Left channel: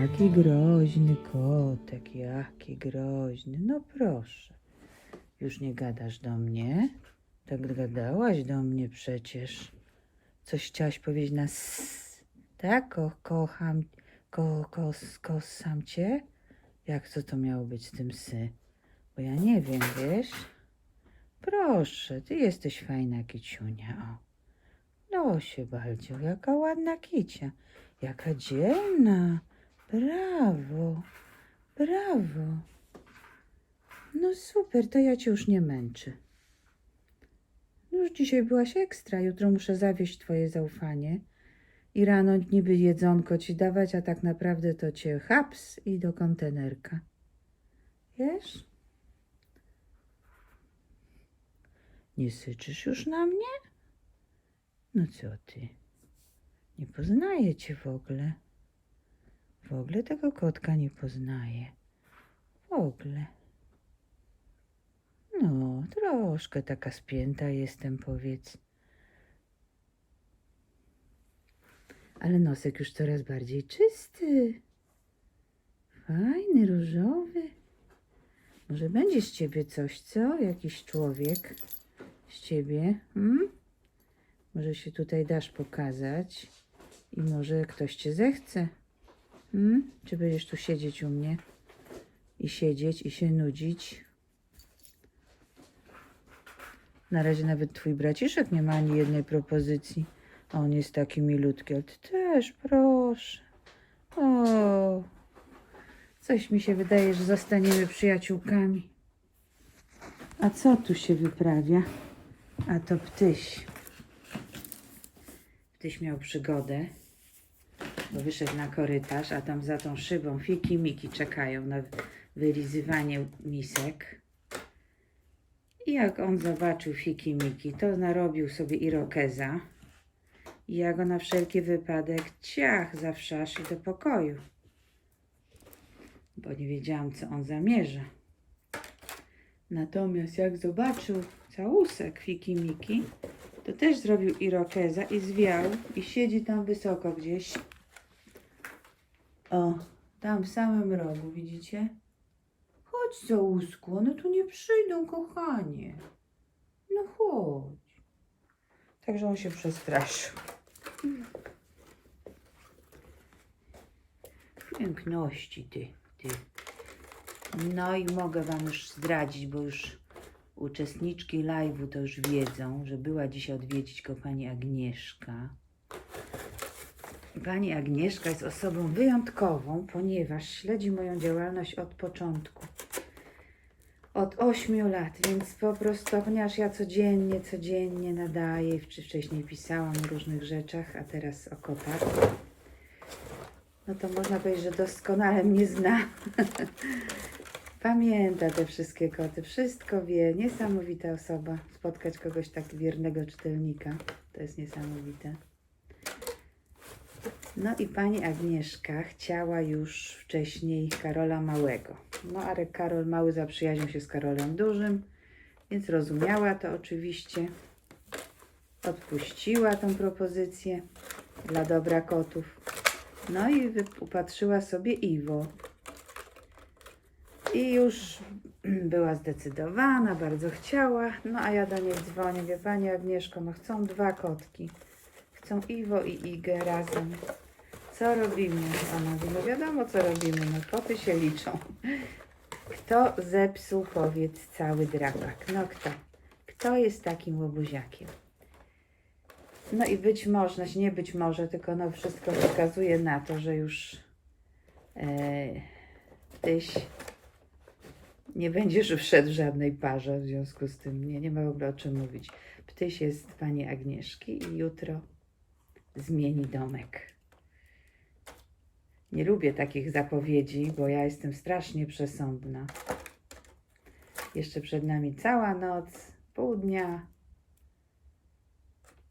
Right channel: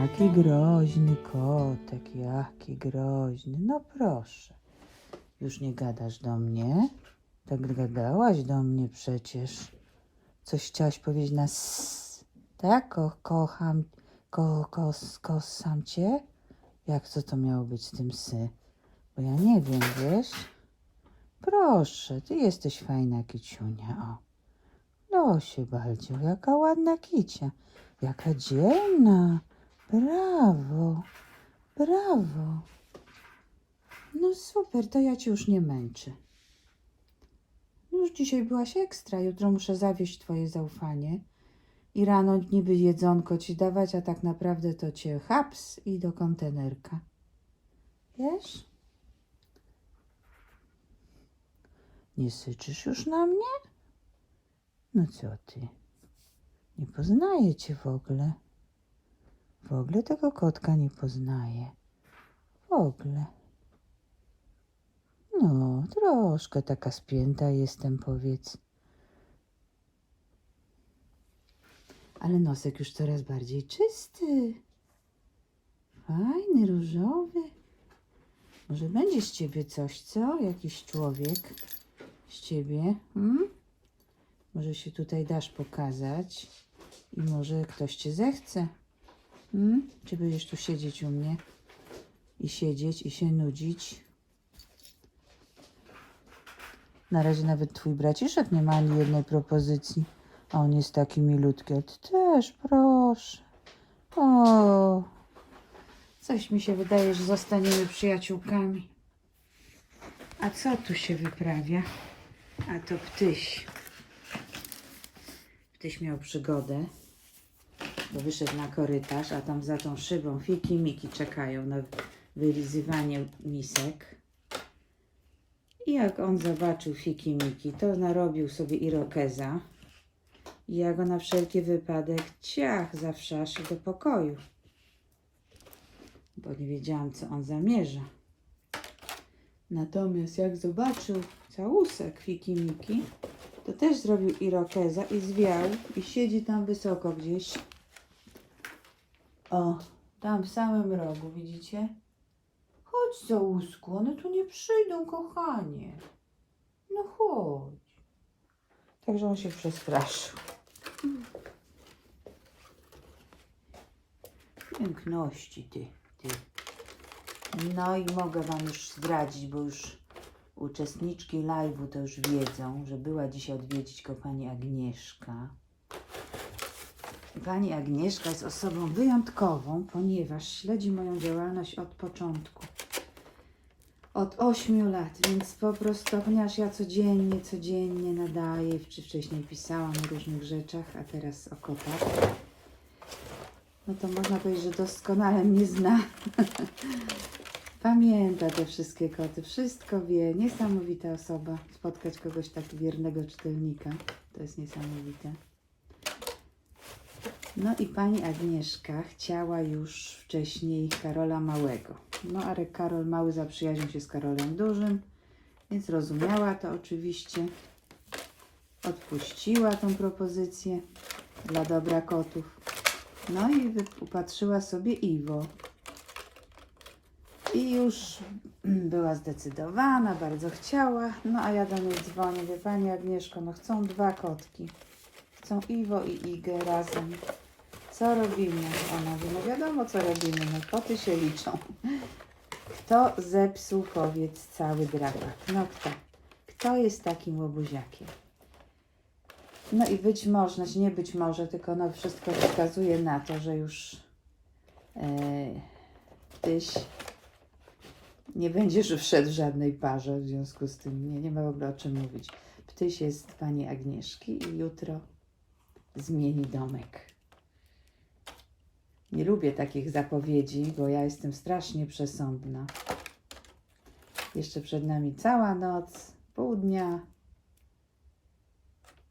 Jaki groźny kotek, jaki groźny. No proszę. Już nie gadasz do mnie? Tak gadałaś do mnie przecież. Coś chciałaś powiedzieć na s, tak? Ko, kocham, ko, kos, kosam cię? Jak co to miało być z tym sy? Bo ja nie wiem, wiesz? Proszę, ty jesteś fajna kiciunia, o. Losie Baldzio, jaka ładna kicia. Jaka dzielna. Brawo, brawo. No super, to ja cię już nie męczę. No Już dzisiaj byłaś ekstra, jutro muszę zawieść twoje zaufanie. I rano niby jedzonko ci dawać, a tak naprawdę to cię haps i do kontenerka. Wiesz? Nie syczysz już na mnie? No co ty? Nie poznaję cię w ogóle. W ogóle tego kotka nie poznaję. W ogóle. No, troszkę taka spięta jestem, powiedz. Ale nosek już coraz bardziej czysty. Fajny, różowy. Może będzie z ciebie coś, co? Jakiś człowiek z ciebie, hmm? Może się tutaj dasz pokazać i może ktoś cię zechce. Hmm? Czy będziesz tu siedzieć u mnie i siedzieć i się nudzić? Na razie nawet twój braciszek nie ma ani jednej propozycji. A on jest taki milutki, ty też, proszę. O, coś mi się wydaje, że zostaniemy przyjaciółkami. A co tu się wyprawia? A to ptyś. Ptyś miał przygodę, bo wyszedł na korytarz, a tam za tą szybą fiki miki czekają na wylizywanie misek. I jak on zobaczył fiki miki, to narobił sobie irokeza. I ja go na wszelki wypadek ciach za wszasz i do pokoju. Bo nie wiedziałam, co on zamierza. Natomiast jak zobaczył całusek fiki miki, to też zrobił irokeza i zwiał i siedzi tam wysoko gdzieś. O, tam w samym rogu, widzicie? Chodź, Załusku, one tu nie przyjdą, kochanie. No chodź. Także on się przestraszył. Piękności ty, ty. No i mogę Wam już zdradzić, bo już uczestniczki live'u to już wiedzą, że była dzisiaj odwiedzić go pani Agnieszka. Pani Agnieszka jest osobą wyjątkową, ponieważ śledzi moją działalność od początku. Od 8 lat, więc po prostu, ponieważ ja codziennie, codziennie nadaję, czy wcześniej pisałam o różnych rzeczach, a teraz o kotach, no to można powiedzieć, że doskonale mnie zna. Pamięta te wszystkie koty, wszystko wie. Niesamowita osoba. Spotkać kogoś tak wiernego czytelnika, to jest niesamowite. No i pani Agnieszka chciała już wcześniej Karola Małego. No ale Karol Mały zaprzyjaźnił się z Karolem Dużym, więc rozumiała to oczywiście. Odpuściła tą propozycję dla dobra kotów. No i upatrzyła sobie Iwo. I już była zdecydowana, bardzo chciała. No a ja do niej dzwonię, wie pani Agnieszko, no chcą dwa kotki. Chcą Iwo i Igę razem. Co robimy? Ona mówi, no wiadomo co robimy, no koty się liczą. Kto zepsuł, powiedz, cały drapak? No kto? Kto jest takim łobuziakiem? No i być może, nie być może, tylko no wszystko wskazuje na to, że już e, tyś nie będziesz wszedł w żadnej parze, w związku z tym nie, nie ma w ogóle o czym mówić. Ptyś jest pani Agnieszki i jutro zmieni domek. Nie lubię takich zapowiedzi, bo ja jestem strasznie przesądna. Jeszcze przed nami cała noc, pół dnia.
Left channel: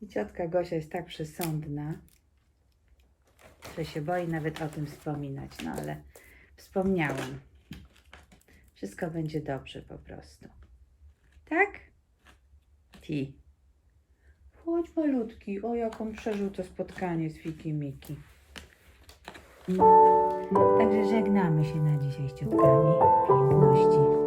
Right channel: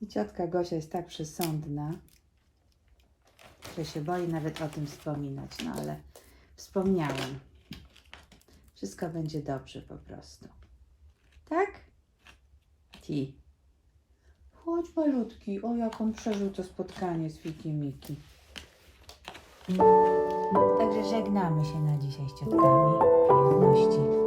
I ciotka Gosia jest tak przesądna, że się boi nawet o tym wspominać. No ale wspomniałam. Wszystko będzie dobrze po prostu. Tak? Ti. Chodź malutki. O, jaką przeżył to spotkanie z Fiki Miki. Także żegnamy się na dzisiaj z ciotkami. Piękności.